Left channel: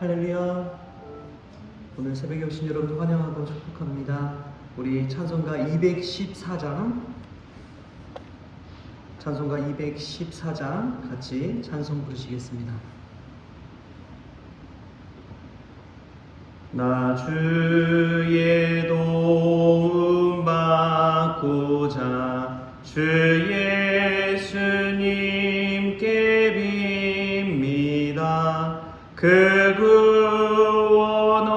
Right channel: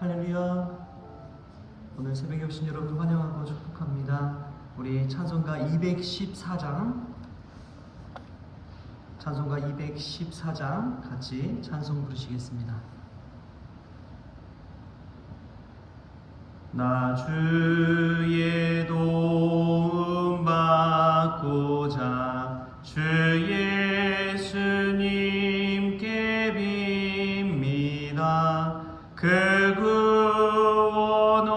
할렐루야. 오늘 새벽에 오신 여러분 환영하고 축복합니다. 우리 찬송가 214장 같이 찬송 부르시겠습니다. 나 주의 도움 받고자 주 예수님께 빕니다. 그 구원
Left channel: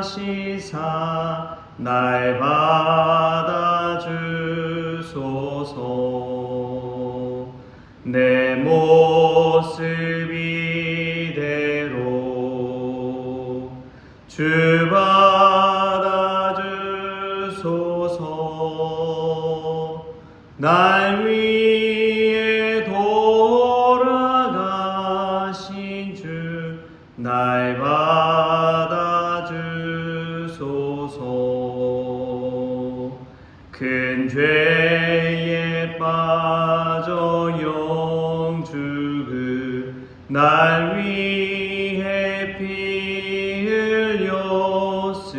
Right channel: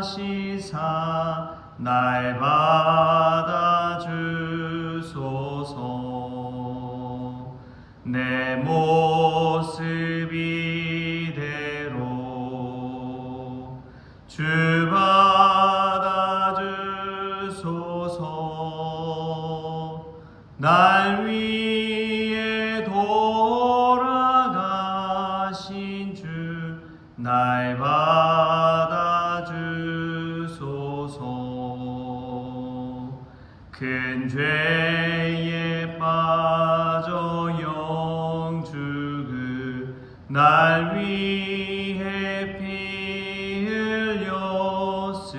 허락하시사 날 받아주소서. 내 모습 이대로 주 받아주소서. 날 위해 돌아가신 주 날 받아주소서. 큰 죄에 빠져 영죽을 날 위해 피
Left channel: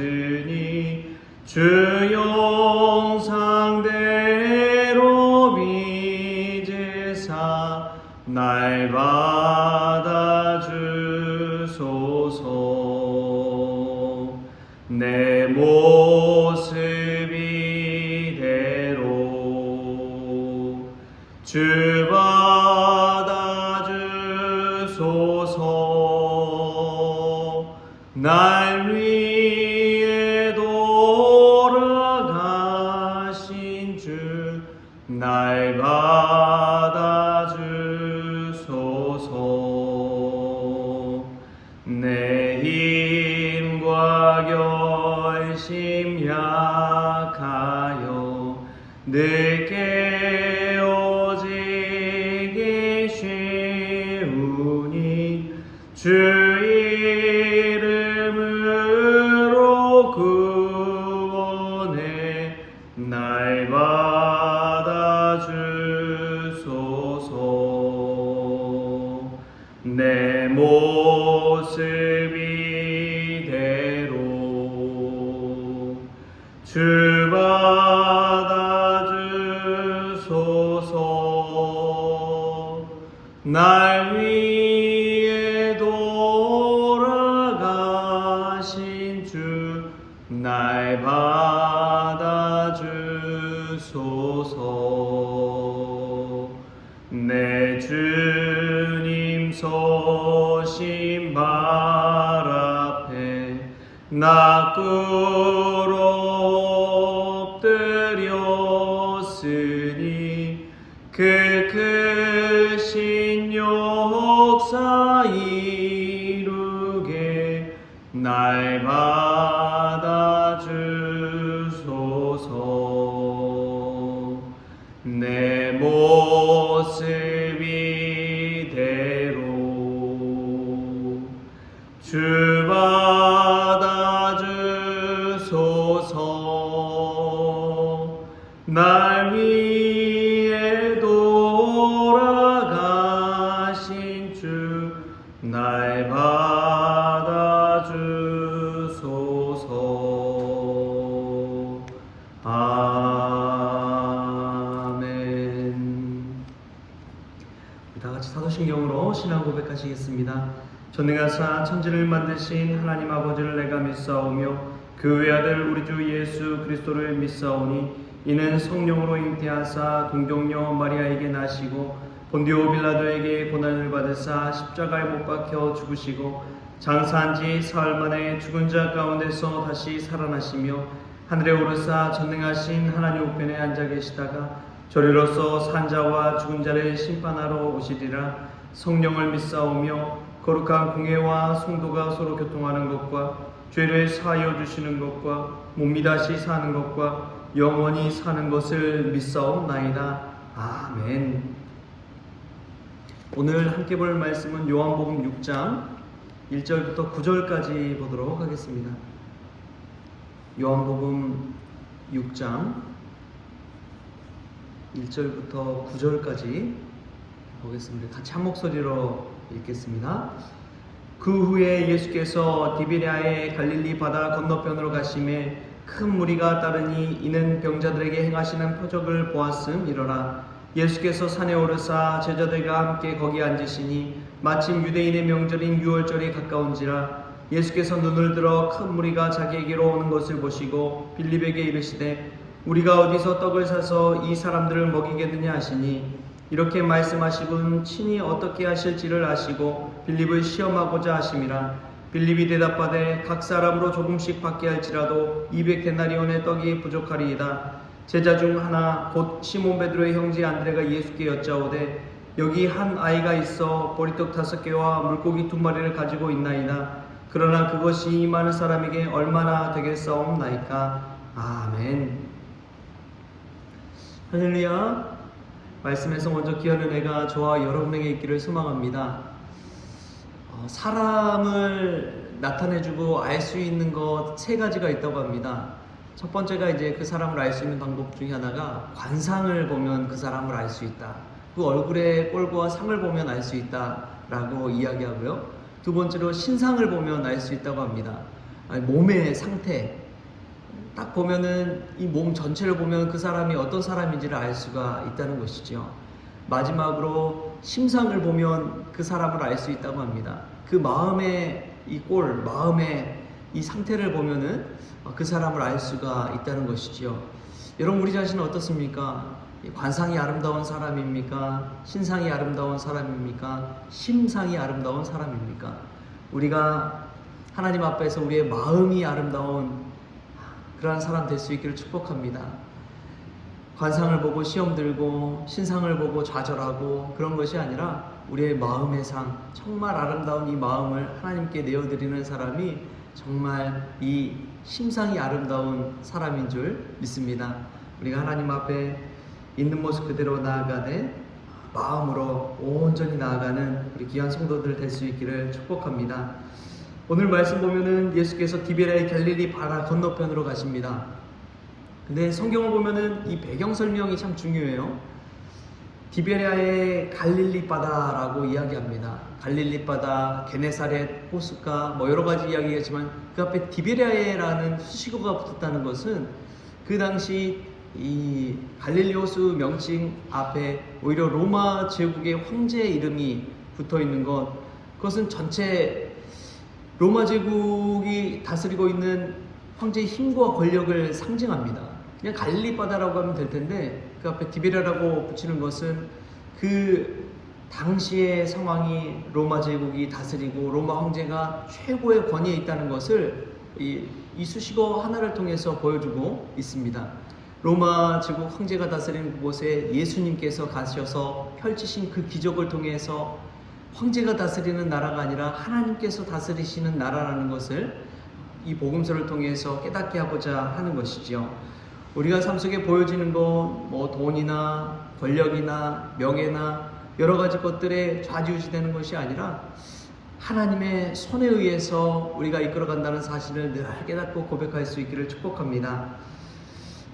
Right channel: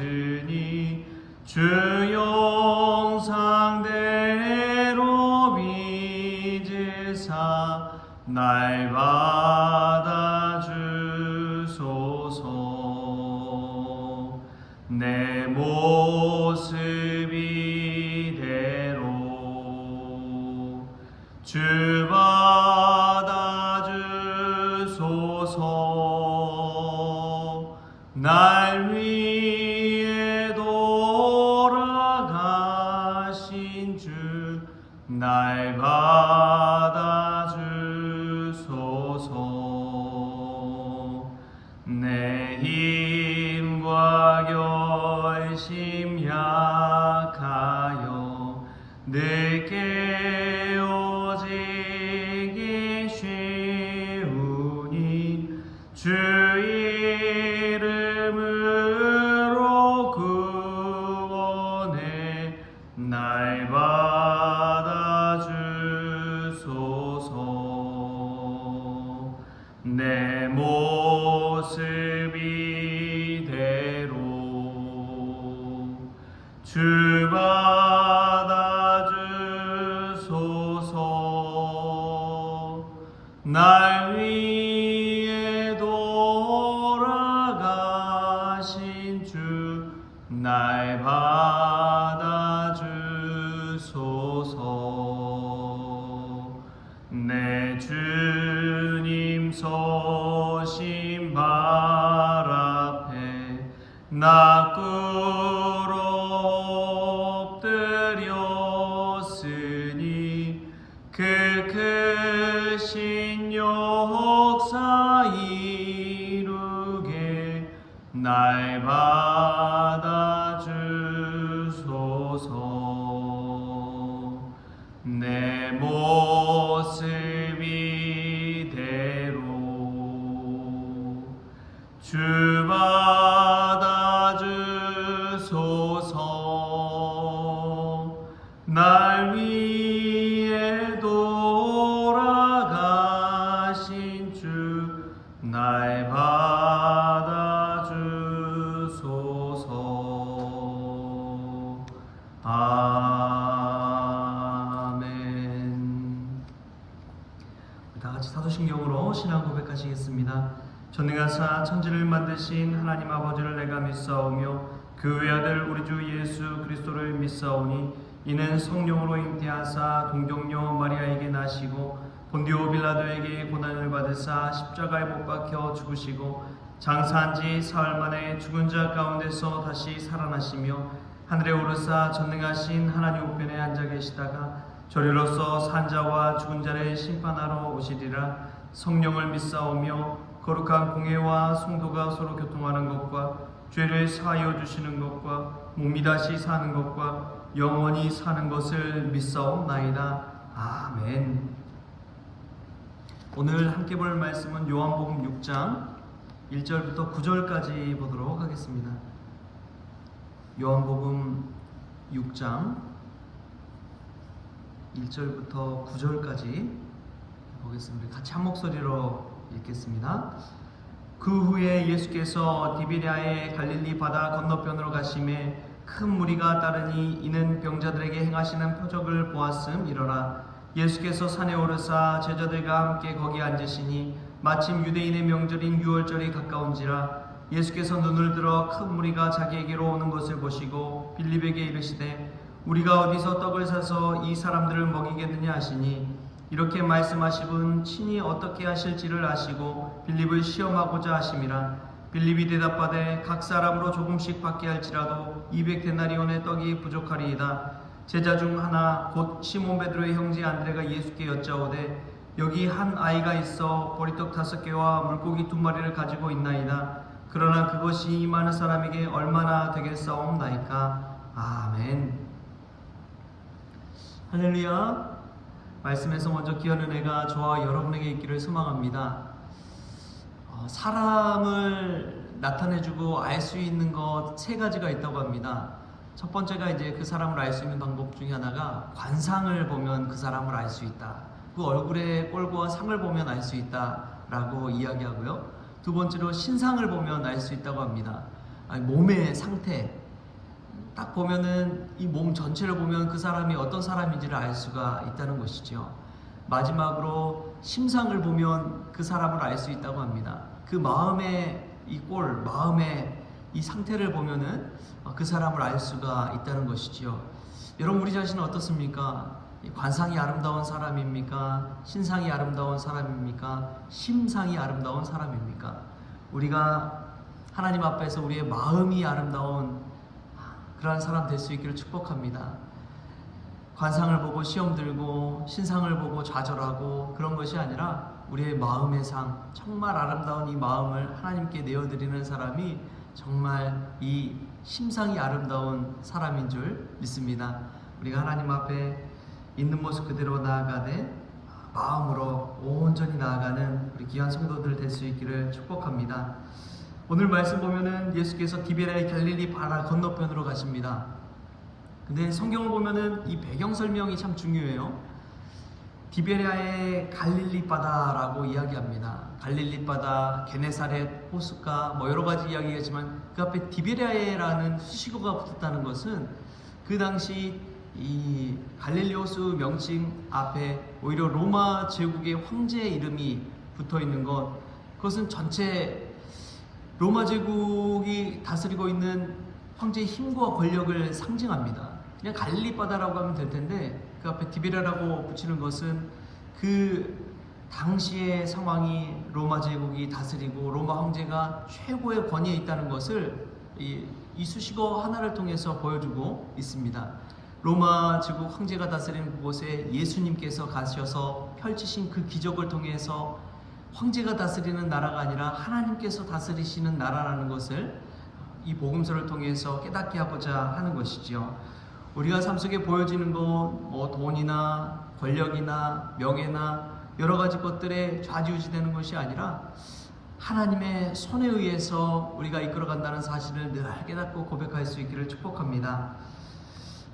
흘렸으니 주 영상대로 빚으사 날 받아주소서. 내 모습 이대로 주 받아주소서. 날 위해 돌아가신 주 날 받아주소서. 내 힘과 결심 약하여 늦게 오지기 쉬우니 주 이름으로 구원해 날 받아주소서. 내 모습 이대로 주 받아주소서. 날 위해 돌아가신 주 날 받아주소서. 내 주님 서신 발 앞에 나 꿇어 엎드렸으니 그 크신 역사 이루게 날 받아주소서. 내 모습 이대로 주 받아주소서. 날 위해 돌아가신 주 날 받아주소서. 아멘. 다 같이 사도신경으로 신앙 고백하시겠습니다. 전능하사 천지를 만드신 하나님 아버지를 내가 믿사오며 그 외아들 우리 주 예수 그리스도를 믿사오니 이는 성령으로 잉태하사 동정녀 마리아에게 나시고 본디오 빌라도에게 고난을 받으사 십자가에 못 박혀 죽으시고 장사한 지 사흘 만에 죽은 자 가운데서 다시 살아나시며 하늘에 오르사 전능하신 하나님 우편에 앉아 계시다가 저리로서 산 자와 죽은 자를 심판하러 오시리라. 성령을 믿사오며 거룩한 공회와 성도가 서로 교통하는 것과 죄를 사하여 주시는 것과 몸이 다시 사는 것과 영원히 사는 것을 믿사옵나이다. 아멘. 오늘 함께 볼 말씀은 요한복음 6장 1절부터 9절까지 보도록 하겠습니다. 요한복음 6장 1절부터 9절까지 보겠습니다. 같이 한 목소리로 읽겠습니다. 그 후에 예수께서 디베랴의 갈릴리 바다 건너편으로 가심에 큰 무리가 따르니 이는 병자들에게 행하시는 표적을 보았음이러라. 예수께서 산에 오르사 제자들과 함께 거기 앉으시니 마침 유대인의 명절인 유월절이 가까운지라. 예수께서 눈을 들어 큰 무리가 자기에게로 오는 것을 보시고 빌립에게 이르시되 우리가 어디서 떡을 사서 이 사람들을 먹이겠느냐 하시니 이렇게 말씀하시고는 친히 어떻게 하실지를 아시고 빌립을 시험하고자 하심이라. 빌립이 대답하되 각 사람으로 조금씩 받게 할지라도 200데나리온의 떡이 부족하리이다. 제자 중 하나 곧 시몬 베드로의 형제 안드레가 예수께 여짜오되 여기 한 아이가 있어 보리떡 5개와 물고기 2마리를 가지고 있나이다. 그러나 그것이 이 많은 사람에게 얼마나 되겠사옵나이까. 아멘. 할렐루야. 말씀에서 먼저 귀한 은혜가 저와 여러분에게 있기를 소망합니다. 사람을 나타내주고 알 수 있는 것 3가지가 있다고 합니다. 첫 번째가 이제 그 사람을 알 수 있는 방법 중에 하나가 관상을 보면 그 사람을 알 수 있다. 그 얼굴의 꼴과 상을 보면 알 수 있다라고 이야기하고요. 두 번째로 신상을 보면 알 수 있다고 합니다. 몸의 상태. 딱 보면은 이 몸 전체를 보면 그 사람이 어떤 사람인지를 알 수가 있다는 것이죠. 마지막으로 심상을 보면 그 사람을 알 수 있다고 합니다. 그 마음의 이 꼴, 마음의 이 상태를 보면은 그 사람을 알 수가 있다는 것이지요. 여러분, 우리 자신은 어떻습니까? 관상이 아름다운 사람입니까? 신상이 아름다운 사람입니까? 심상이 아름다운 사람입니까? 우리가 하나님 앞에서 우리의 마음이 아름다운 그러한 사람 될 수 있기를 축복합니다. 관상을 보고 시험 들고 신상을 보고 좌절하고 그런 것이 아니라 우리의 마음의 상, 정말 아름다운 이 마음을 하나님께 내어드리는 사람이 정말 이 심상이 아름다운 사람인 줄 믿습니다. 우리가 하나님 앞에 있는 모습 그대로 나아가되 마음으로 온전히 나아가는 우리 귀한 성도들 될 수 있기를 축복합니다. 오늘 말씀 보면은 예수께서 디베랴의 갈릴리 바다 건너편으로 가십니다. 근데 성경을 보면은 이 배경 설명이 참 중요해요. 디베랴의 갈릴리 바다라고 이야기합니다. 갈릴리 바다, 게네사렛, 호숫가 뭐 여러 가지 이야기겠지만 그 앞에 디베랴라는 수식어가 붙었다는 것은 그 당시 이 갈릴리 호수 명칭 앞에 오히려 로마 제국의 황제의 이름이 붙어 있는 것, 그것은 전체 로마 제국이 다스리고 있는 황제의 힘과 권력을 상징합니다. 그냥 갈릴리 바다라고 하면 될 텐데 그 앞에 디베랴라고 붙이는 것은 그 당시의 상황이 로마 제국이 다스리고 로마 황제가 최고의 권위에 있다는 것을 이 수식어 하나를 통해서 보여주고 있습니다. 로마 제국 황제가 다스리는 그곳에 예수님께서 가셔서 펼치신 그 기적을 통해서 황제가 다스리는 나라가 아니라 하나님께서 다스리시는 나라라는 것을 이 복음서를 통해서 깨닫게 하고자 하는 것이죠. 우리가 삶 속에 보여지는 것, 뭐 돈이나 권력이나 명예나 여러 가지 것들에 좌지우지되는 것이 아니라 하나님의 손에 의해서 우리가 이끌어간다는 사실을 늘 깨닫고 고백할 수 있기를 축복합니다.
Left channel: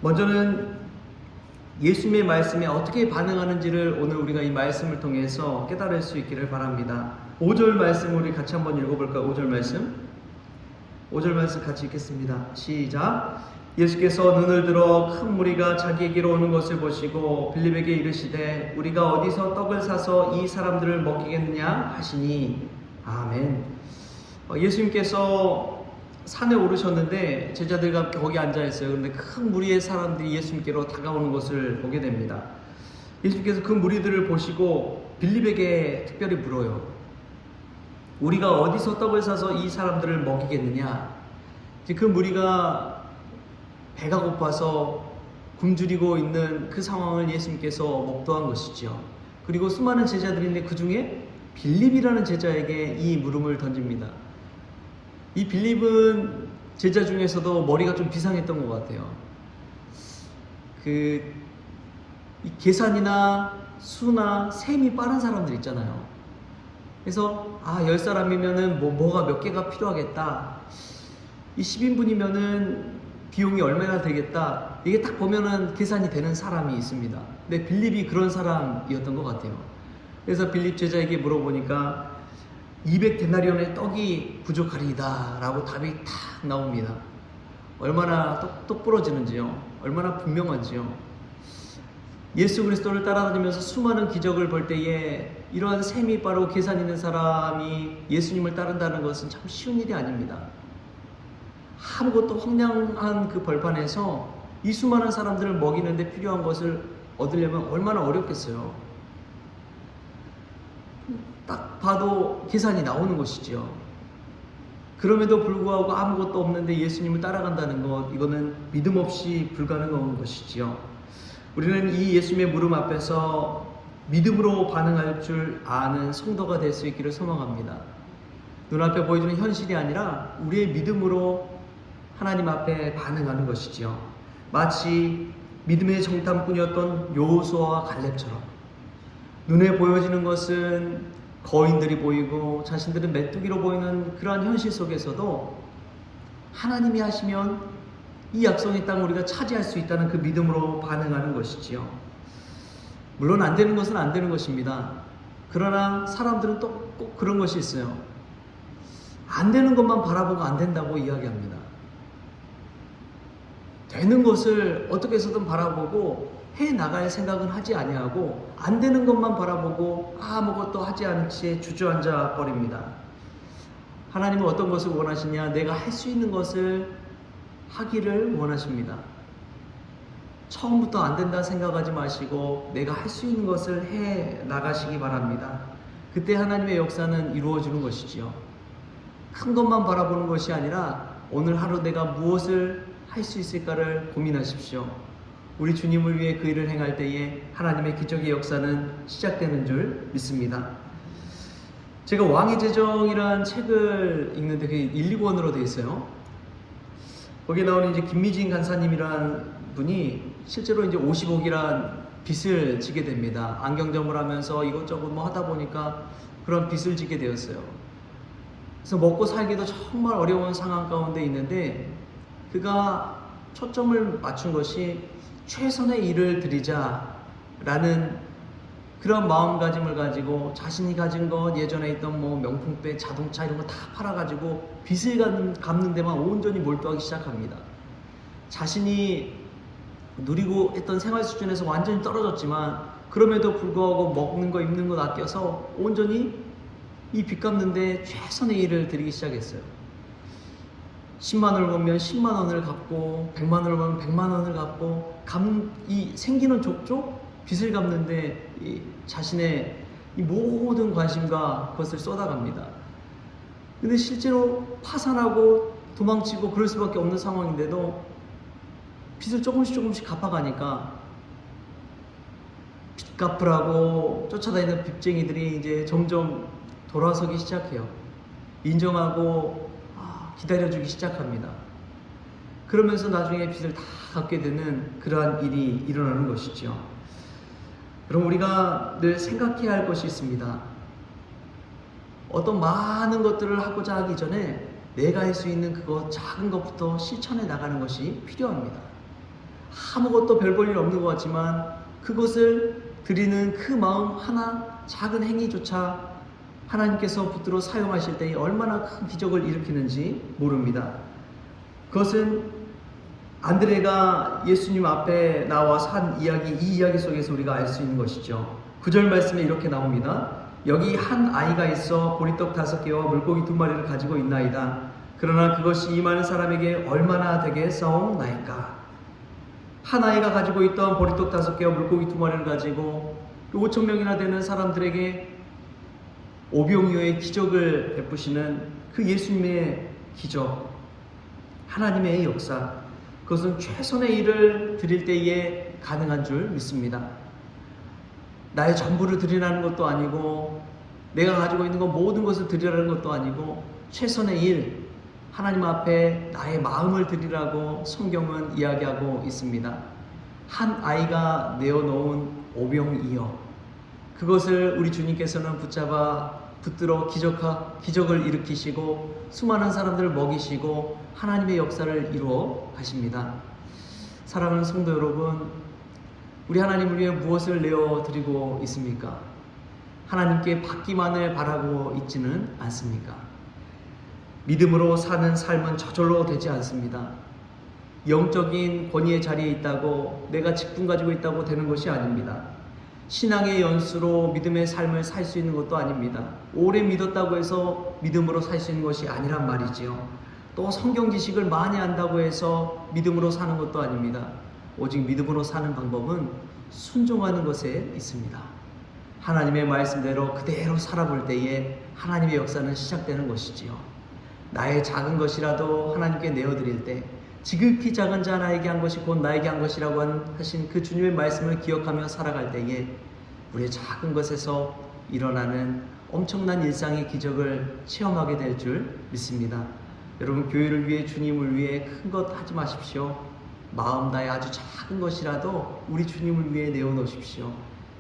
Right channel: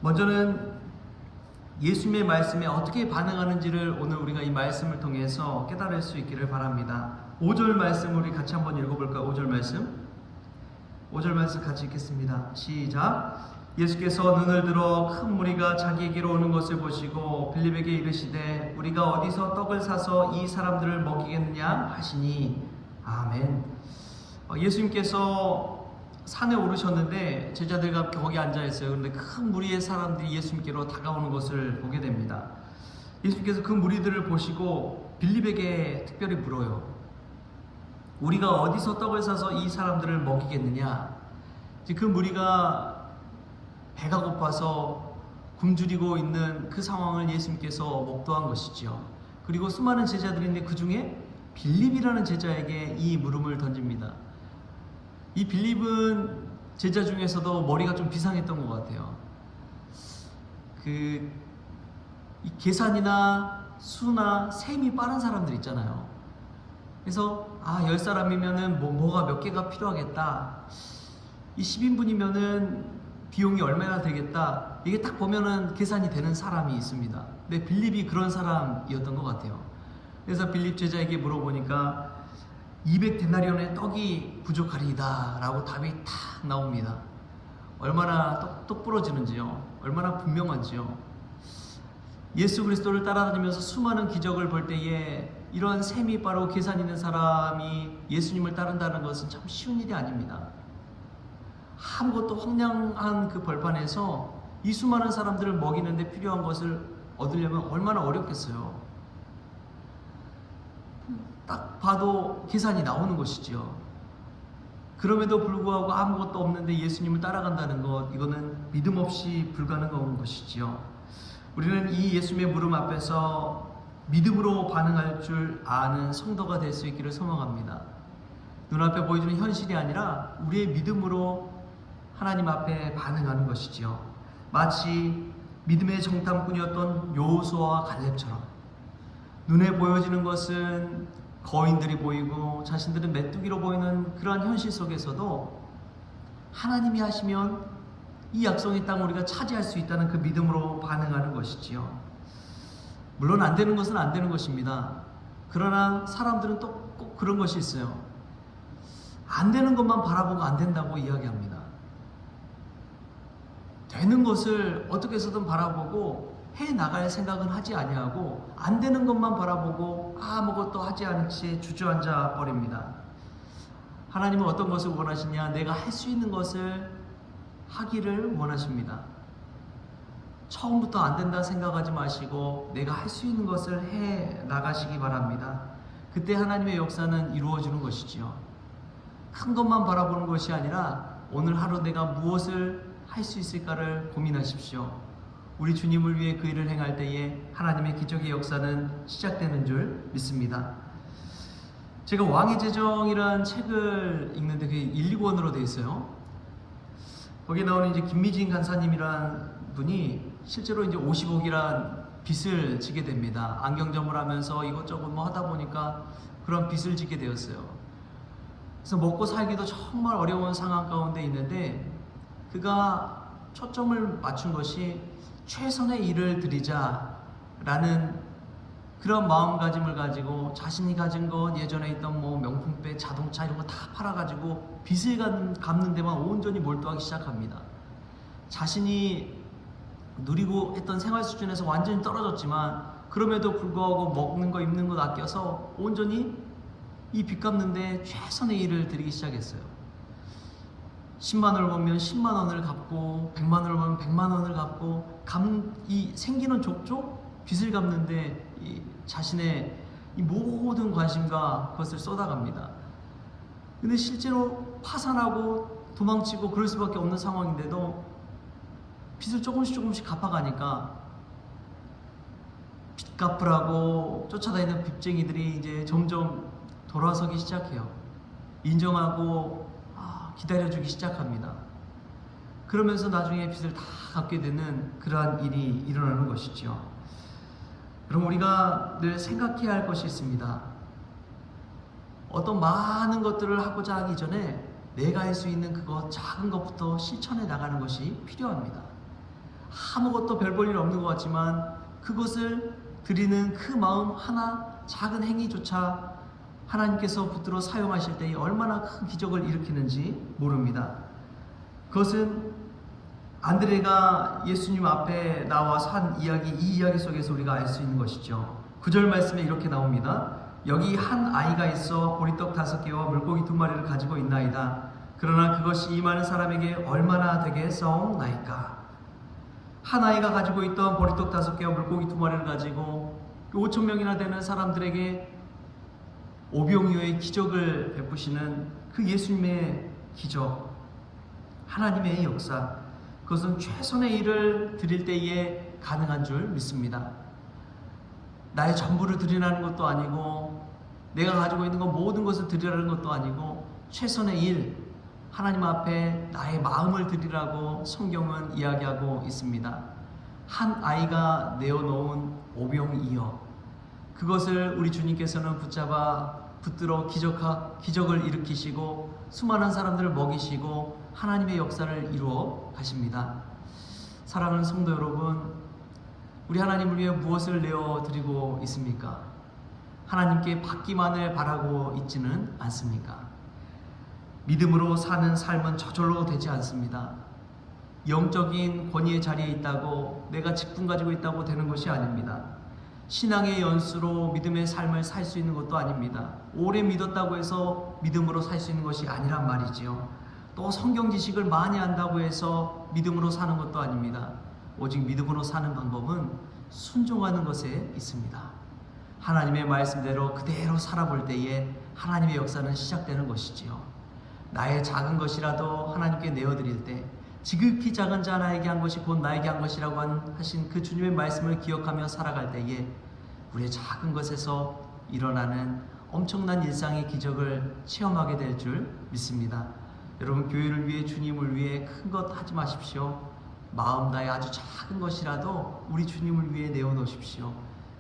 먼저는 예수님의 말씀에 어떻게 반응하는지를 오늘 우리가 이 말씀을 통해서 깨달을 수 있기를 바랍니다. 5절 말씀 우리 같이 한번 읽어볼까요? 5절 말씀 같이 읽겠습니다. 시작. 예수께서 눈을 들어 큰 무리가 자기에게로 오는 것을 보시고 빌립에게 이르시되 우리가 어디서 떡을 사서 이 사람들을 먹이겠느냐 하시니. 아멘. 예수님께서 산에 오르셨는데 제자들과 함께 거기 앉아있어요. 그런데 큰 무리의 사람들이 예수님께로 다가오는 것을 보게 됩니다. 예수님께서 그 무리들을 보시고 빌립에게 특별히 물어요. 우리가 어디서 떡을 사서 이 사람들을 먹이겠느냐. 이제 그 무리가 배가 고파서 굶주리고 있는 그 상황을 예수님께서 목도한 것이죠. 그리고 수많은 제자들인데 그 중에 빌립이라는 제자에게 이 물음을 던집니다. 이 빌립은 제자 중에서도 머리가 좀 비상했던 것 같아요. 이 계산이나 수나 셈이 빠른 사람들 있잖아요. 그래서 10사람이면은 뭐가 몇 개가 필요하겠다. 이 10인분이면은 비용이 얼마나 되겠다. 이게 딱 보면은 계산이 되는 사람이 있습니다. 근데 빌립이 그런 사람이었던 것 같아요. 그래서 빌립 제자에게 물어보니까 200데나리온의 떡이 부족하리이다 라고 답이 탁 나옵니다. 얼마나 똑부러지는지요. 얼마나 분명한지요. 예수 그리스도를 따라다니면서 수많은 기적을 볼 때에 이러한 셈이 빠르고 계산 있는 사람이 예수님을 따른다는 것은 참 쉬운 일이 아닙니다. 아무것도 황량한 그 벌판에서 이 수많은 사람들을 먹이는데 필요한 것을 얻으려면 얼마나 어렵겠어요. 딱 봐도 계산이 나오는 것이죠. 그럼에도 불구하고 아무것도 없는데 예수님을 따라간다는 것, 이거는 믿음 없이 불가능한 것이지요. 우리는 이 예수님의 물음 앞에서 믿음으로 반응할 줄 아는 성도가 될 수 있기를 소망합니다. 눈앞에 보여주는 현실이 아니라 우리의 믿음으로 하나님 앞에 반응하는 것이지요. 마치 믿음의 정탐꾼이었던 여호수아와 갈렙처럼 눈에 보여지는 것은 거인들이 보이고 자신들은 메뚜기로 보이는 그러한 현실 속에서도 하나님이 하시면 이 약속의 땅 우리가 차지할 수 있다는 그 믿음으로 반응하는 것이지요. 물론 안 되는 것은 안 되는 것입니다. 그러나 사람들은 또 꼭 그런 것이 있어요. 안 되는 것만 바라보고 안 된다고 이야기합니다. 되는 것을 어떻게 해서든 바라보고 해 나갈 생각은 하지 아니하고 안 되는 것만 바라보고 아무것도 하지 않은 채 주저앉아 버립니다. 하나님은 어떤 것을 원하시냐? 내가 할 수 있는 것을 하기를 원하십니다. 처음부터 안 된다 생각하지 마시고 내가 할 수 있는 것을 해 나가시기 바랍니다. 그때 하나님의 역사는 이루어지는 것이지요. 큰 것만 바라보는 것이 아니라 오늘 하루 내가 무엇을 할 수 있을까를 고민하십시오. 우리 주님을 위해 그 일을 행할 때에 하나님의 기적의 역사는 시작되는 줄 믿습니다. 제가 왕의 제정이라는 책을 읽는데 그게 1, 2권으로 되어 있어요. 거기에 나오는 이제 김미진 간사님이라는 분이 실제로 이제 50억이란 빚을 지게 됩니다. 안경점을 하면서 이것저것 뭐 하다 보니까 그런 빚을 지게 되었어요. 그래서 먹고 살기도 정말 어려운 상황 가운데 있는데 그가 초점을 맞춘 것이 최선의 일을 드리자라는 그런 마음가짐을 가지고 자신이 가진 것, 예전에 있던 뭐 명품백, 자동차 이런 거 다 팔아가지고 빚을 갚는 데만 온전히 몰두하기 시작합니다. 자신이 누리고 했던 생활 수준에서 완전히 떨어졌지만 그럼에도 불구하고 먹는 거, 입는 거 아껴서 온전히 이 빚 갚는데 최선의 일을 드리기 시작했어요. 10만 원을 벌면 10만 원을 갚고 100만 원을 벌면 100만 원을 갚고 이 생기는 족족 빚을 갚는데 이 자신의 이 모든 관심과 그것을 쏟아갑니다. 근데 실제로 파산하고 도망치고 그럴 수밖에 없는 상황인데도 빚을 조금씩 갚아가니까 빚 갚으라고 쫓아다니는 빚쟁이들이 이제 점점 돌아서기 시작해요. 인정하고 기다려주기 시작합니다. 그러면서 나중에 빚을 다 갚게 되는 그러한 일이 일어나는 것이죠. 그럼 우리가 늘 생각해야 할 것이 있습니다. 어떤 많은 것들을 하고자 하기 전에 내가 할 수 있는 그것 작은 것부터 실천해 나가는 것이 필요합니다. 아무것도 별 볼 일 없는 것 같지만 그것을 드리는 그 마음 하나 작은 행위조차 하나님께서 붙들어 사용하실 때에 얼마나 큰 기적을 일으키는지 모릅니다. 그것은 안드레가 예수님 앞에 나와서 한 이야기, 이 이야기 속에서 우리가 알 수 있는 것이죠. 9절 말씀에 이렇게 나옵니다. 여기 한 아이가 있어 보리떡 5개와 물고기 2마리를 가지고 있나이다. 그러나 그것이 이 많은 사람에게 얼마나 되게 싸움나이까. 한 아이가 가지고 있던 보리떡 5개와 물고기 2마리를 가지고 5,000명이나 되는 사람들에게 오병이어의 기적을 베푸시는 그 예수님의 기적, 하나님의 역사, 그것은 최선의 일을 드릴 때에 가능한 줄 믿습니다. 나의 전부를 드리라는 것도 아니고 내가 가지고 있는 것 모든 것을 드리라는 것도 아니고 최선의 일, 하나님 앞에 나의 마음을 드리라고 성경은 이야기하고 있습니다. 한 아이가 내어놓은 오병이어, 그것을 우리 주님께서는 붙들어 기적을 일으키시고 수많은 사람들을 먹이시고 하나님의 역사를 이루어 가십니다. 사랑하는 성도 여러분, 우리 하나님을 위해 무엇을 내어드리고 있습니까? 하나님께 받기만을 바라고 있지는 않습니까? 믿음으로 사는 삶은 저절로 되지 않습니다. 영적인 권위의 자리에 있다고 내가 직분 가지고 있다고 되는 것이 아닙니다. 신앙의 연수로 믿음의 삶을 살 수 있는 것도 아닙니다. 오래 믿었다고 해서 믿음으로 살 수 있는 것이 아니란 말이지요. 또 성경 지식을 많이 안다고 해서 믿음으로 사는 것도 아닙니다. 오직 믿음으로 사는 방법은 순종하는 것에 있습니다. 하나님의 말씀대로 그대로 살아볼 때에 하나님의 역사는 시작되는 것이지요. 나의 작은 것이라도 하나님께 내어드릴 때 지극히 작은 자 나에게 한 것이 곧 나에게 한 것이라고 하신 그 주님의 말씀을 기억하며 살아갈 때에 우리의 작은 것에서 일어나는 엄청난 일상의 기적을 체험하게 될 줄 믿습니다. 여러분, 교회를 위해, 주님을 위해 큰 것 하지 마십시오. 마음 다해 아주 작은 것이라도 우리 주님을 위해 내어놓으십시오.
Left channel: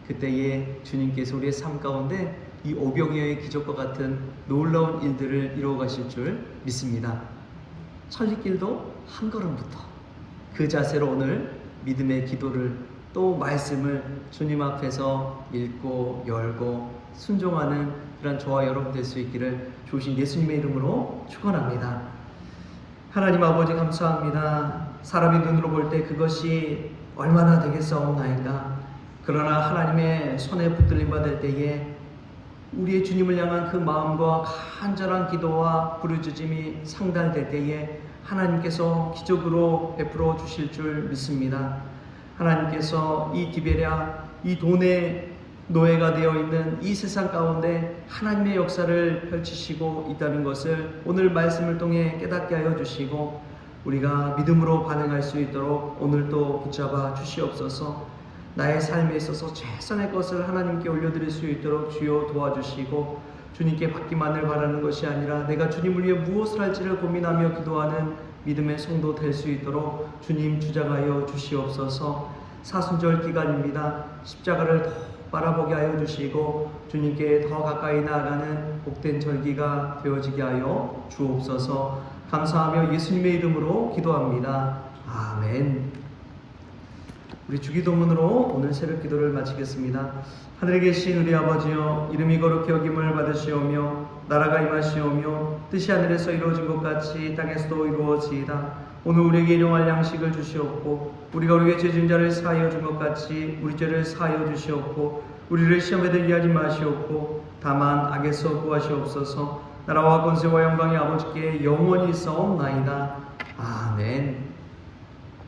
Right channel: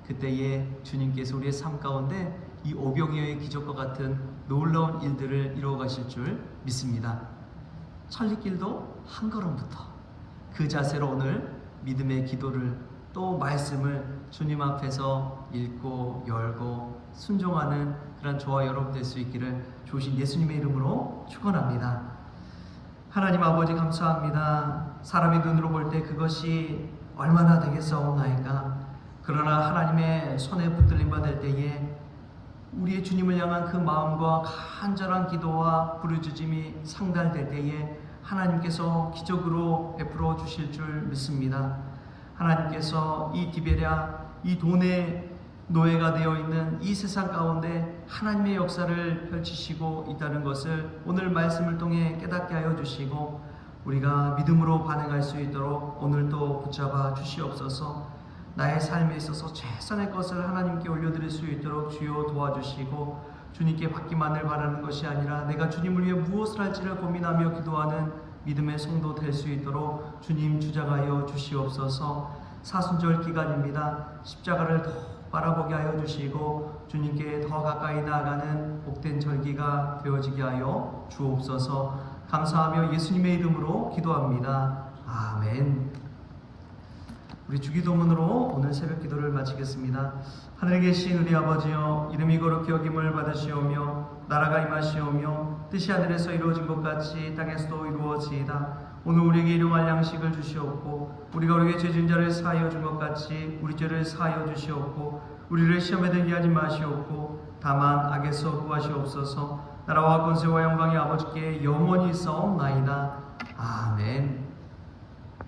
그때에 주님께서 우리의 삶 가운데 이 오병이어의 기적과 같은 놀라운 일들을 이루어 가실 줄 믿습니다. 천리길도 한 걸음부터 그 자세로 오늘 믿음의 기도를 또 말씀을 주님 앞에서 읽고 열고 순종하는 그런 저와 여러분 될 수 있기를 주신 예수님의 이름으로 축원합니다. 하나님 아버지 감사합니다. 사람의 눈으로 볼 때 그것이 얼마나 되겠사옵나이까. 그러나 하나님의 손에 붙들림 받을 때에 우리의 주님을 향한 그 마음과 간절한 기도와 부르짖음이 상달될 때에 하나님께서 기적으로 베풀어 주실 줄 믿습니다. 하나님께서 이 디베랴, 이 돈의 노예가 되어 있는 이 세상 가운데 하나님의 역사를 펼치시고 있다는 것을 오늘 말씀을 통해 깨닫게 하여 주시고 우리가 믿음으로 반응할 수 있도록 오늘도 붙잡아 주시옵소서. 나의 삶에 있어서 최선의 것을 하나님께 올려드릴 수 있도록 주여 도와주시고 주님께 받기만을 바라는 것이 아니라 내가 주님을 위해 무엇을 할지를 고민하며 기도하는 믿음의 성도 될 수 있도록 주님 주장하여 주시옵소서. 사순절 기간입니다. 십자가를 더 바라보게 하여 주시고 주님께 더 가까이 나아가는 복된 절기가 되어지게 하여 주옵소서. 감사하며 예수님의 이름으로 기도합니다. 아멘. 우리 주기도문으로 오늘 새벽 기도를 마치겠습니다. 하늘에 계신 우리 아버지여, 이름이 거룩히 여김을 받으시오며 나라가 임하시오며 뜻이 하늘에서 이루어진 것 같이 땅에서도 이루어지이다. 오늘 우리에게 일용할 양식을 주시옵고 우리가 우리에게 죄진 자를 사하여 준 것 같이 우리 죄를 사하여 주시옵고 우리를 시험에 들게 하지 마시옵고 다만 악에서 구하시옵소서. 나라와 권세와 영광이 아버지께 영원히 있사옵나이다. 아멘.